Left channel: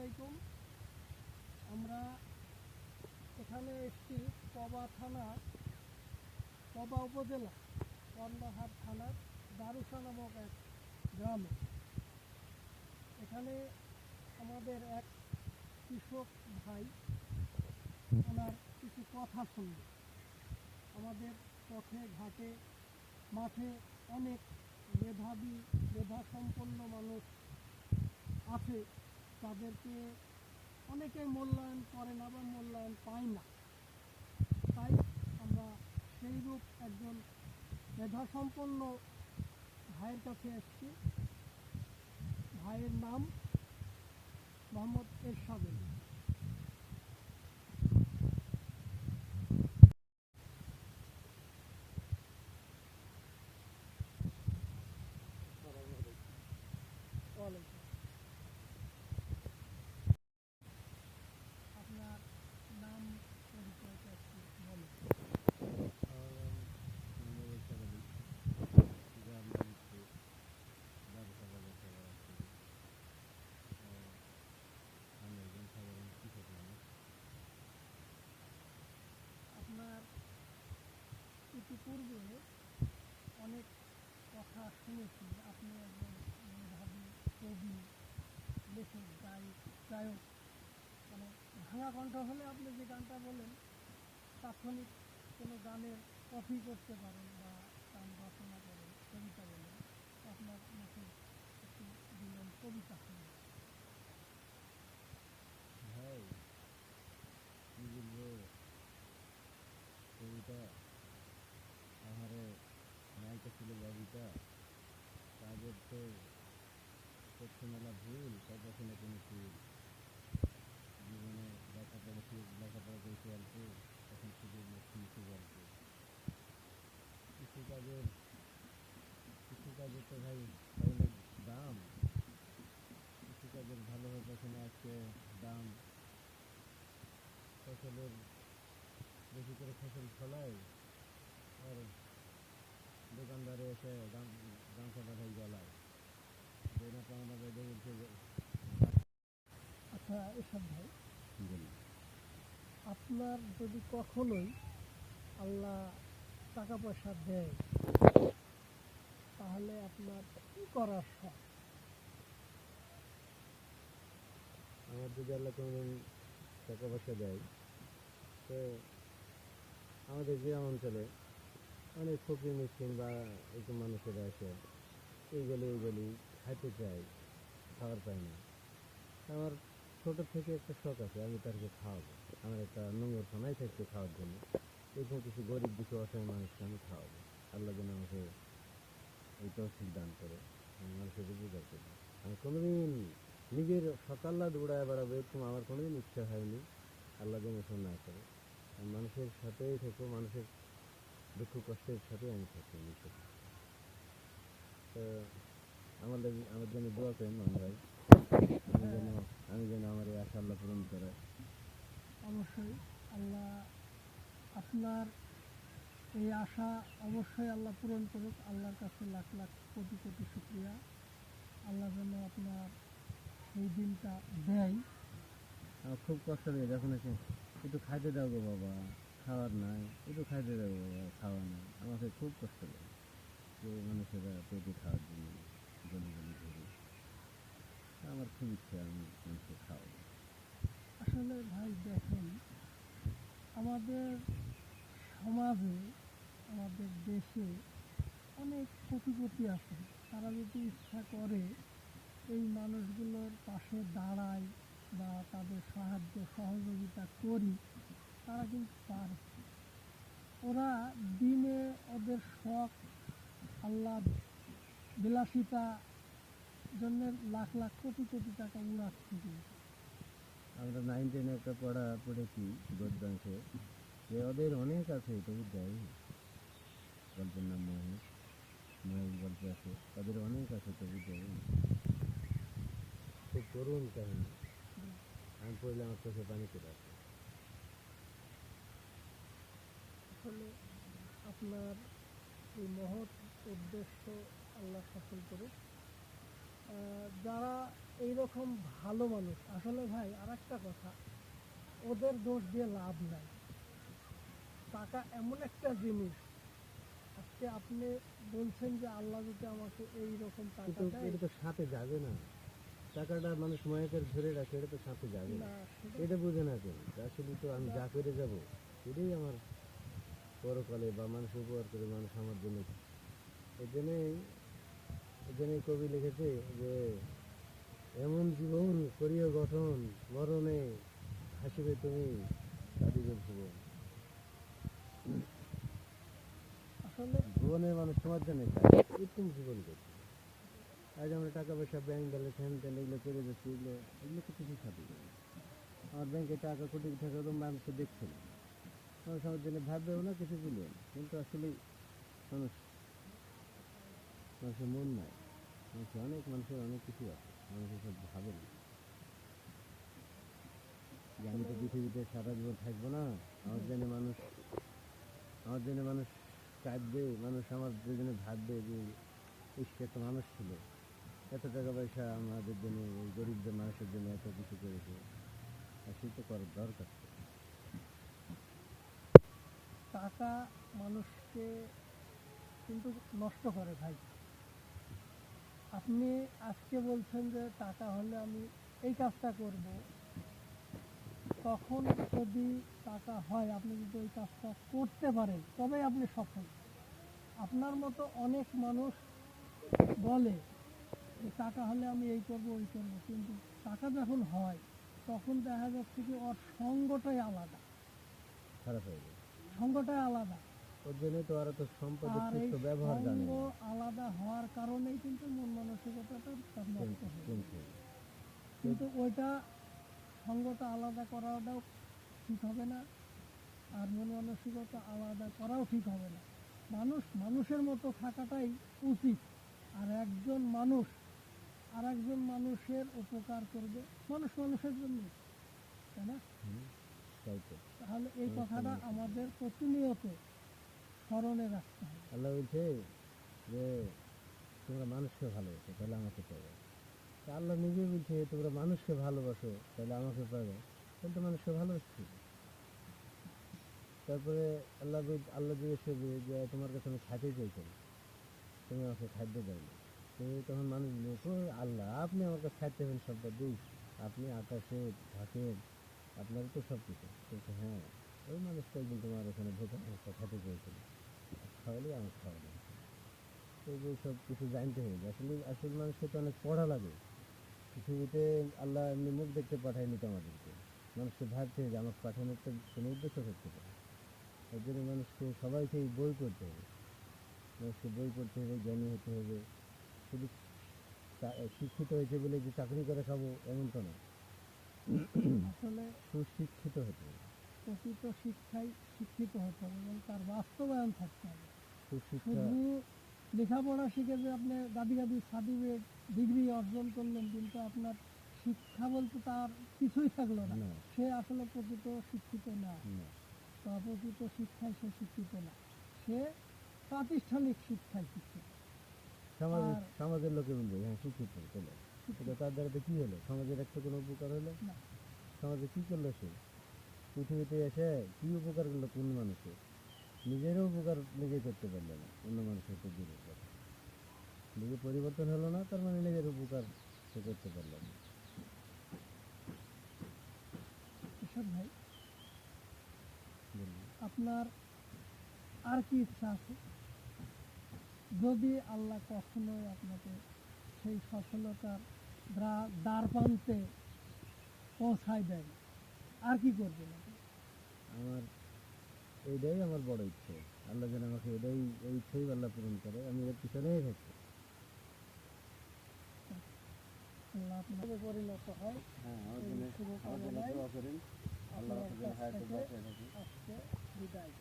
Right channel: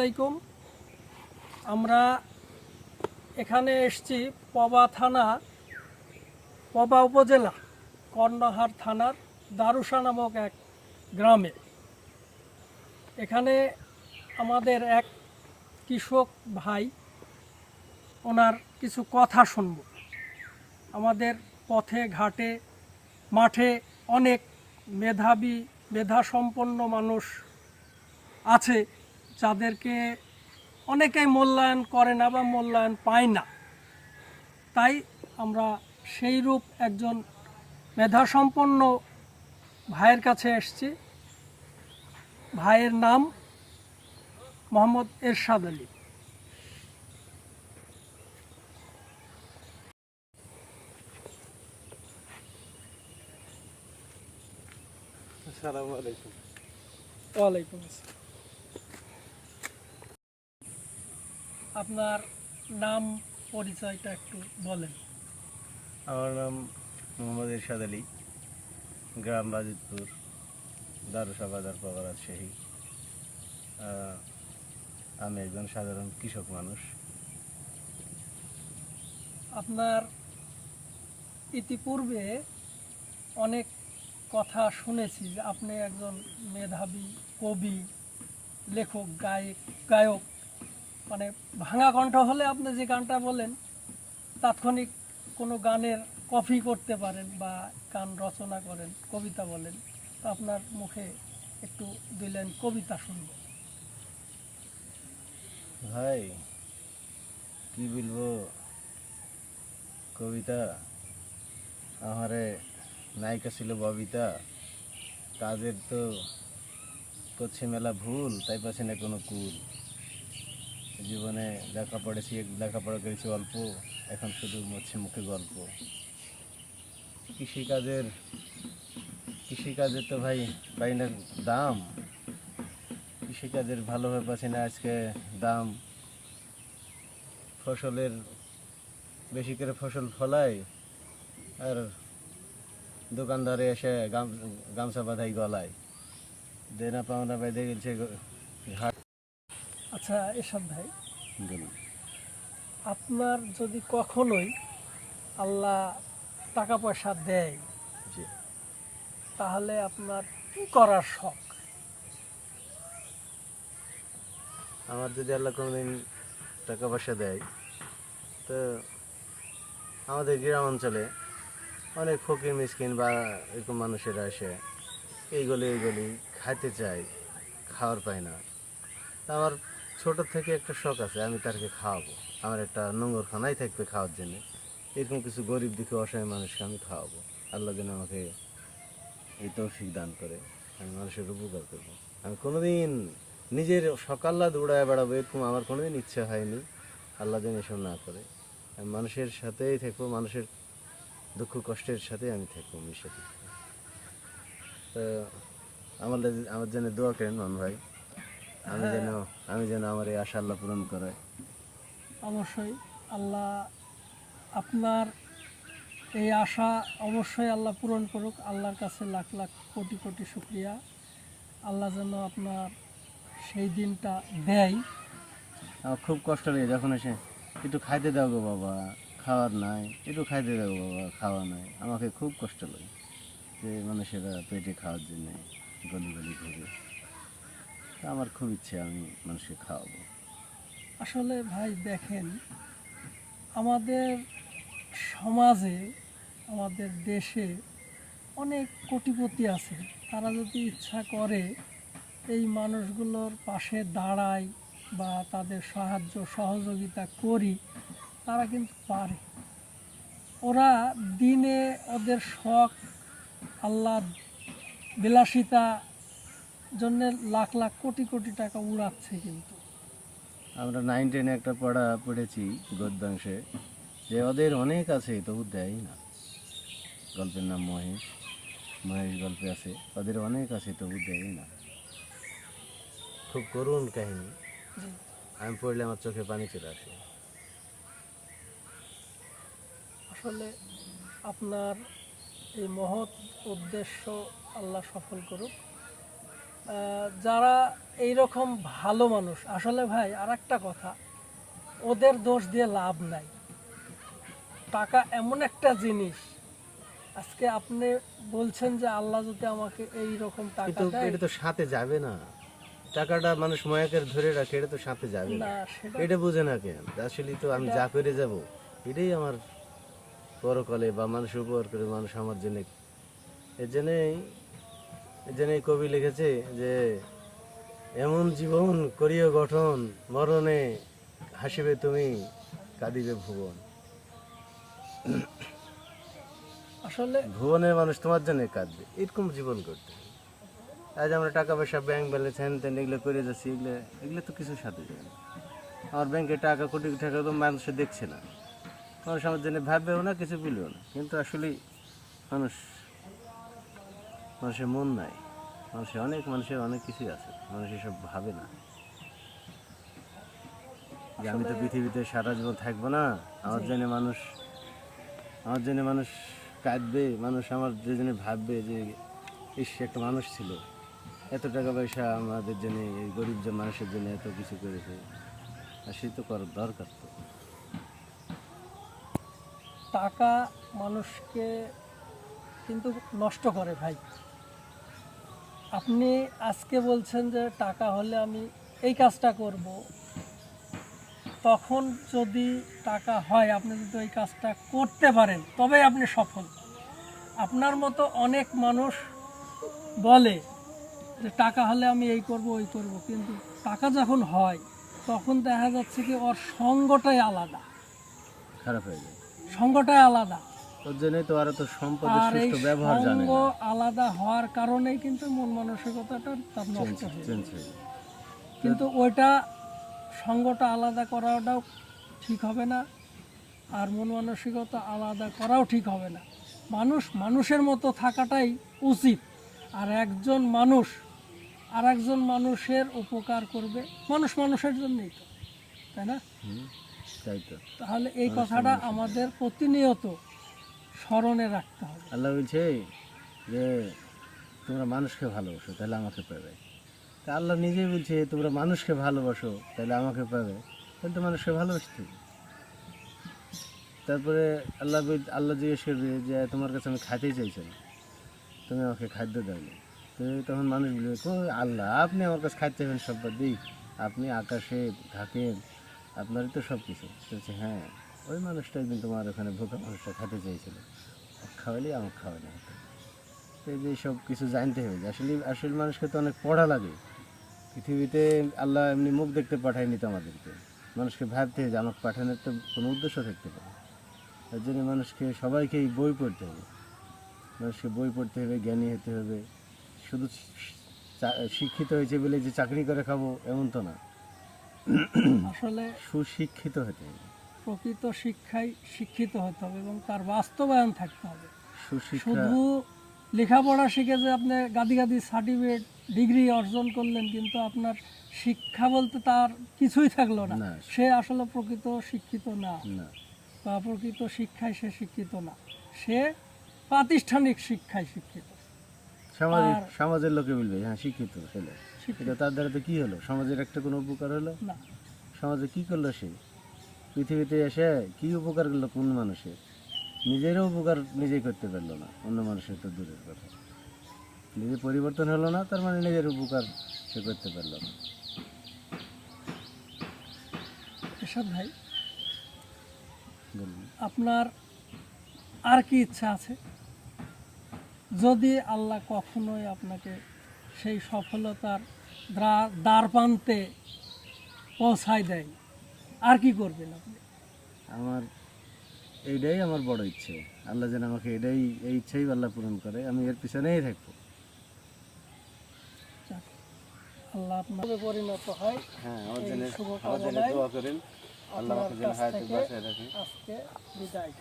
আলাইকুম। আমরা এখানে এসেছি পবা থানা, পবা উপজেলা, কর্ণহার থানার দারুসা নামক এক গ্রামে। এখানে আমাদের এক কৃষক ভাই, ওনার কিছু কথা শুনব। আমাদের পথে ঘাটে মাঠে অনেক মেধাসম্পন্ন মানুষ আছে, যাদেরকে অনেকেই মূল্যায়ন করে না বা মূল্যায়ন পায় না। তাই আমরা সেইরূপ একজন মেধাসম্পন্ন ভাইয়ের কাছে এসেছি। ভাইয়ের নাম মোহাম্মদ এরশাদ আলী। আসসালামু আলাইকুম। ওয়ালাইকুম আসসালাম। আপনার নাম পরিচয়টা একটু বলেন। আমার নাম মোহাম্মদ এরশাদ আলী, গ্রাম বাজিতপুর, দারুসা বাজার, পাওয়া রাজশাহী। আমি একজন সাধারণ কৃষক মানুষ। আপনার ইতিপূর্বে অনেক কথা শুনেছি যে আপনি একজন মেধাবী কবি, লেখক, গায়ক। মানে ভাঙা কণ্ঠ হলে আপনি যে গানটা বলেন তাৎক্ষণিক কোনো গানের কপি করতে পারেন বা গান রচনা করেন, কবিতা বলেন। তো আপনার মুখে একটু দিলেন কবিতা শুনব। ভাই কি বলবো, কবিতা আমারে নায়িকা ছিল ববিতা, কাজের তো করছে মেলা ভুল, তাই পাচ্ছে না কোনো কুল। জীবনে লেখাপড়া করেছি অল্প, এখন শুধু মরছে মুখে গল্প। কৃষিকাজের তো ভাই পাই না দাম, কৃষিকাজের ভালোভাবে পাচ্ছি না আজকে দাম। ফসলের বেশি করে ফসল ফলাই, আর দোকানদারে এসে গামছা বাঁধাই গলায়, দেনা পাওনা বেঁধে গেছে ঘাট। আচ্ছা এরশাদ ভাই, বলুন। আপনার যদি কখনোই আল্লাহ টাকা পয়সা দেয়, তাহলে আপনার কি করার শখ? আমার যদি আল্লাহ কোনোদিন টাকা পয়সা দেয়, তো আমাদের গ্রাম অঞ্চলে অনেক ফকির মিসকিন বা এরকম মানুষেরা এসে এইগুলি খাইতে চায়, খাওয়ার পায় না। তা আমার ছোটোর থেকে একটা শখ আছে, আমি তাদেরকে খাওয়াবো। আমার একটা নোংরখানাই থাকবে খাওয়ার জন্য, এরকম কিছু গরিব দুঃখী অসহায় মানুষকে আমি খাওয়াবো। আল্লাহ যেন আমাকে এই তৌফিক দান করে, আমি মানুষের উপকার করবো। আমি কোনোদিন নিজের সকাল্লা দৌড়ায় বেড়াবো এরকম আমার কোনোদিন ইচ্ছা হয়নি। আল্লাহ যেন এসব না করে। আমি মানুষের সাথেই থাকবো, মানুষের দুঃখ কষ্টের সাথে আমি থাকবো, মিশে থাকবো। তো আমার জন্য দোয়া করেন মান ভাই, আমি যেন আমার এই আশা আল্লাহ পূরণ করে। অবশ্যই আল্লাহ আপনার এই আশা অবশ্যই আল্লাহ পূরণ করুক। আল্লাহর কাছে লাখ লাখ কোটি কোটি শুকরিয়া। আল্লাহ যেন আপনার সেই দিনটা দেয়। আমার খুব কষ্ট লাগে যখন এসে একটু খাইতে দাও গো বাবা, খাওয়ার নাই, একটু খাইতে দাও বাবা, খাওয়া নাই। আমাকে খুব কষ্ট লাগে যে মানুষেরা পেটে খাওয়ার জন্য গলি গলি ঘুরে। আমার খুব ইচ্ছে আমি মানুষকে খাওয়াবো। আসলে ভাই দেখেন, আমাদের সমাজে, আমাদের দেশে অনেক কোটিপতি আছে। তারা যদি ইচ্ছা করে এই মানুষগুলোর পাশে দাঁড়ায় বা তাদের সাহায্য সহযোগিতা করি, তারা কিন্তু পারে। ওরা দিনে ওদের শখ, আল্লাহ বিলাসিতা জন্য লাখ লাখ কোটি কোটি টাকা উড়াচ্ছে। কিন্তু আমরা 9-10 একটা পড়েছি গদ্যাংশে, যে ওদের অনেক আছে তবু দেয় না। গল্পের নাম মহেশ গল্পে আছে, ওদের অনেক আছে তবু দেয় না। খুব করুণ কাহিনী, আমি পড়লে আমার চোখে পানি চলে আসে। আসলে আপনার এই মহৎ উদ্দেশ্য আল্লাহ সফল করুক। যারা এইরকম ভালো মানুষ আসলে ভাই আর একটা কথা, ওদের দোষ দিয়ে লাভ নাই। টাকা এমন একটা জিনিস, আজকে আপনি বলছেন যে আল্লাহ যদি আমাকে এই রকম টাকা কিন্তু দেয়, এটা তো সাথে যাবে না, টাকাটা মানুষ ময়াকের ধরে রাখে, এটা তো সাথে যাবে না। না সেটা এটা বুঝে না কেন? আসলে তো আমি যা করে যাব এটাই আমার পরকালে বা মানুষ উপকার করে মানুষ আমার জন্য। এর জন্যই কবি লিখেছে যে এমন জীবন করিও গঠন, মরণে হাসিবে তুমি, কাঁদিবে ভুবন। আসলে ভুবনের মানুষ তোমার জন্য কাঁদে, এরকম জীবন করতে হবে। আজ আমরা টাকা পয়সা, ব্যাংক ব্যালেন্স, হ্যান ত্যান এগুলো করে যাচ্ছি, এগুলো তো কিছু সাথে যাবে না। আমার ব্যাংকে টাকা, কোটি টাকা তো মানুষে দেখছে না, মানুষ আমার জন্য ভাববেও না, কিছু বলবেও না। কিন্তু আসলে মানুষের মন নাই, মানুষের অনেক কিছুই আছে, মানুষ এসব ভাবে না যে আমি তো পৃথিবীতে সারা জীবন থাকবো না, আমার জন্য মানুষ কাঁদবে, মানুষ আমার যে জন্য ভাববে যে ইস একটা মানুষ ছিল, এত টাকা পয়সা আমাদের জন্য, এই গরিব যে মানুষের জন্য এত কিছু করেছে, আর সে তো করার দরকার তো। টাকা মানুষকে কিন্তু নষ্ট করে ভাই। আপনি আজকে বলছেন যে টাকা হলে আমি এই কাজটা করব, তখন যদি টাকা হয় আপনি যদি ওই কাজটা করতে পারেন তবে আপনি সফল। আপনার মতো অনেক মানুষ বলে যে টাকা হলে আমি এই করব ওই করব, কিন্তু টাকা যখন হয় তখন দেখা যাচ্ছে কি ওর সঙ্গটাই আলাদা, খারাপ হয়ে যায়, সঙ্গটাই আলাদা। ওর জন্যই তো আরো তো সম্পদের আর এই সুষ্ঠু ব্যবহার জানে সঙ্গ না, আলাদা হওয়ার কারণেই কিন্তু মন মানসিকতাটা তার নষ্ট হয়ে যায়। চেঞ্জ হয়ে যায়। কিন্তু ওইটা সঙ্গটা আলাদা করাটাও ঠিক হবে না, আর মন মানসিকতা আলাদা করাও ঠিক হবে না। মানুষ মানুষের মতো থাকাটাই উচিত। আর একজন মানুষ আর একজন মানুষের উপকার করবে, মানুষ মানুষের জন্যই তো, তাই না? তাই তো তাহলে এই কথাটা আমাদের প্রতিনিয়ত স্মরণে রাখতে হবে। আল্লাহ বলছে যে তোমরা মানুষকে ভালোবাসো তাহলে আমাকে পাবে। তা আল্লাহ নিজেই বলছে তোমরা মানুষকে ভালোবাসো তাহলে আমাকে পাবে, তাহলে তো মানুষকে ভালোবাসতে হবে। তারপরে আল্লাহ জিজ্ঞেস করবে যে তোমার কাছে আমি খাইতেই চাইছিলাম, তুমি আমাকে খাদ্য দাওনি। তো তখন মানুষ বলবে কই আল্লাহ, আপনি আমার কাছে খাইতে চাইবেন সম্পদ দিই, আপনি আকাশে থাকেন, আপনারই তো সব কিছু। বলছে হ্যাঁ, ওই মানুষটা একদিন তোমার ওখানে ভোকা মানুষটা খেতে চেয়েছিল, খাওয়ালেই আমাকে খাওয়ানো হতো। তো এই যে সব কিছু জানতে হবে যে আসলে মানুষকে তো অনেক পড়া লাগে। পৃথিবীতে আল্লাহ এমনি মুখ দেখতে পাঠায়নি তো আমাদেরকে, মানুষকে ভাবতে হবে যে আমাকে পাঠানোর তো কোনো উদ্দেশ্য থাকতে পারে। তার জন্য সবাইকেই বই পড়তে হবে, মানুষকে বই পড়তে হবে, জ্ঞানী হতে হবে। শুধু শিক্ষিত হয়েছে বলে যে চাকরি করে খাবো এমন তো না, আসলে সুশিক্ষিত হতে হবে, প্রকৃত শিক্ষায় শিক্ষিত হতে হবে এবং তার বাস্তবায়ন থাকতে হবে। সুশিক্ষা। শুধু লেখাপড়া শিখে যে আপনি গাদি গাদি সার্টিফিকেট ডিগ্রি অর্জন করলেন, কিন্তু আপনার শিক্ষা বলতে তার কিছুই থাকলো না, না। সে আসলে প্রকৃত শিক্ষিত না, না, বা প্রকৃত শিক্ষায় সে শিক্ষিত না, সে প্রাতিষ্ঠানিক শিক্ষায় শিক্ষিত। আর সমাজের লোকে বলবে হ্যাঁ শিক্ষিত ছেলে, শিক্ষিত এটা তার দ্বারা তো কি হলো, সমাজের একটা কোনো উপকার হলো না। সমাজে কি করলো সে, পৃথিবীতে এসে কি উপকার করলো কোন মানুষের, নিজেরও উপকার নিজেই করতে পারলো না, অন্য মানুষের তো দূরের কথা। নিজে পরিবর্তন হলো না, তার মানে নিজের উপকার সে করতে পারলো না। এরশাদ ভাই, বলুন। আপনার আর কি ইচ্ছা আছে? যদি আল্লাহ কখনোই আপনাকে সেই সফলতার দ্বার প্রান্তে পৌঁছায় দেয়, আর কি করবেন আপনি? এইটাই আমার বড় ইচ্ছে, আল্লাহ যেন আমাকে এই ইচ্ছেই আল্লাহ পূরণ করে, আমি এর পিছনেই থাকবো। আল্লাহ আপনার পরিণত হয়। হ্যাঁ, এই শুভকামনায় দোয়া করেন, আল্লাহ আমাকে যেন আপনার কাছ হায়াতে থেকে বাঁচিয়ে রাখে। আজকে বিদায়।